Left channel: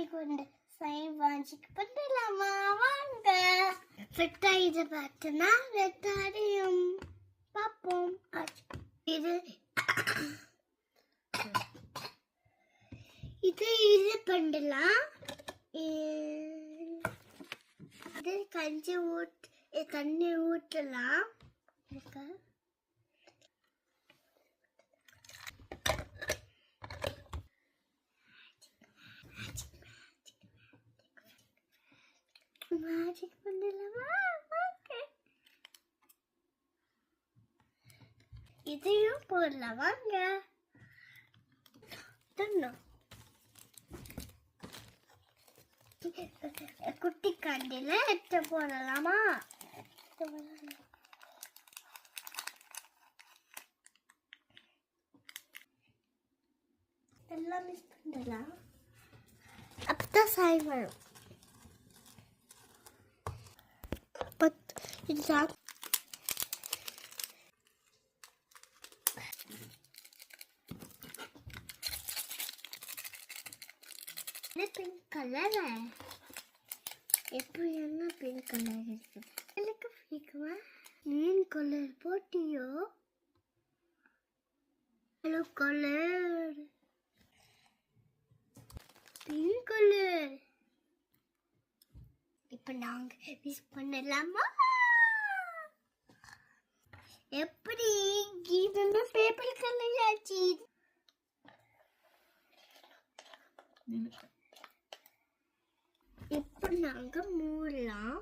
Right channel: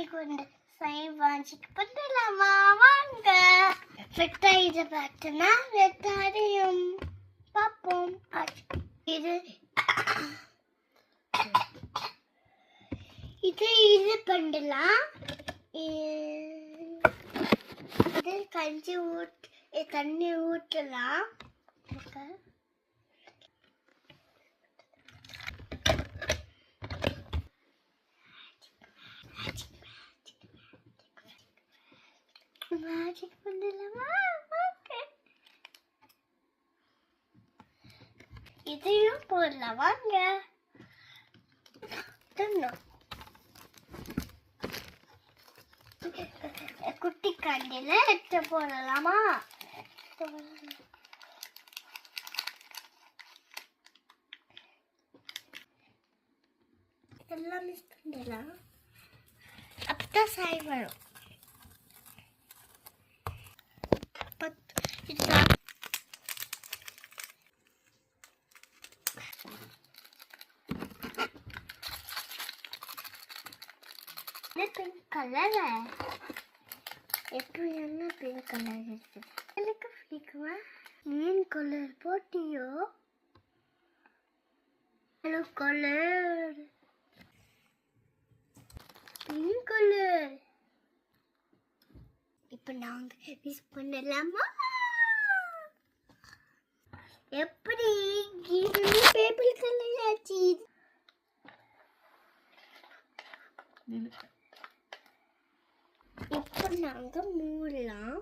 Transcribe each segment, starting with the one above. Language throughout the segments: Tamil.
இன்னைக்கு வந்து சைவாஞ்சிக்கு பண்ணலாமா வாங்க. வெட்டாயிட பார்த்தனா வெட்டாரியும் பார்ப்போம். இது இது இது பண்ணலாம். இது கஞ்சி தண்ணி ஊற்றலாம். மேஜிக் பண்ணலாமா? ஓகே, இதையும் போடலாம் வாங்க. குட்டி கண்டில எடுத்து போடலாமா? எல்லாம் மிஸ் பண்ணலாம். அப்பதான் சாய் வரும். இதுதான் பிங்க் கலர். எப்படி என்ன பிங்க் கலர் இருக்குது? எனக்கு பிடிக்குமா? மீன் கலர் போட்டியோ? Hello colour pink colour. இப்போ நாங்க மிஸ் பண்ணலாமா? எப்படி இது பேப்பர் கலர் ஆச்சு? இப்போ நாங்க மூடலாம்.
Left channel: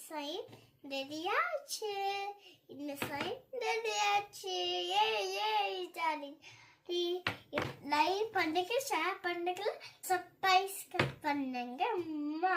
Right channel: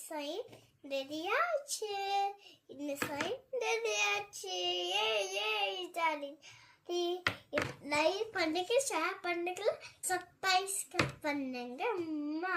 சைட் ரெடியாச்சு, இந்த சைட் ரெடியாச்சு. ஏய் டார்லிங், லைக் பண்ணுங்க, ஷேர் பண்ணுங்க, சப்ஸ்கிரைப் பண்ணுங்க அம்மா.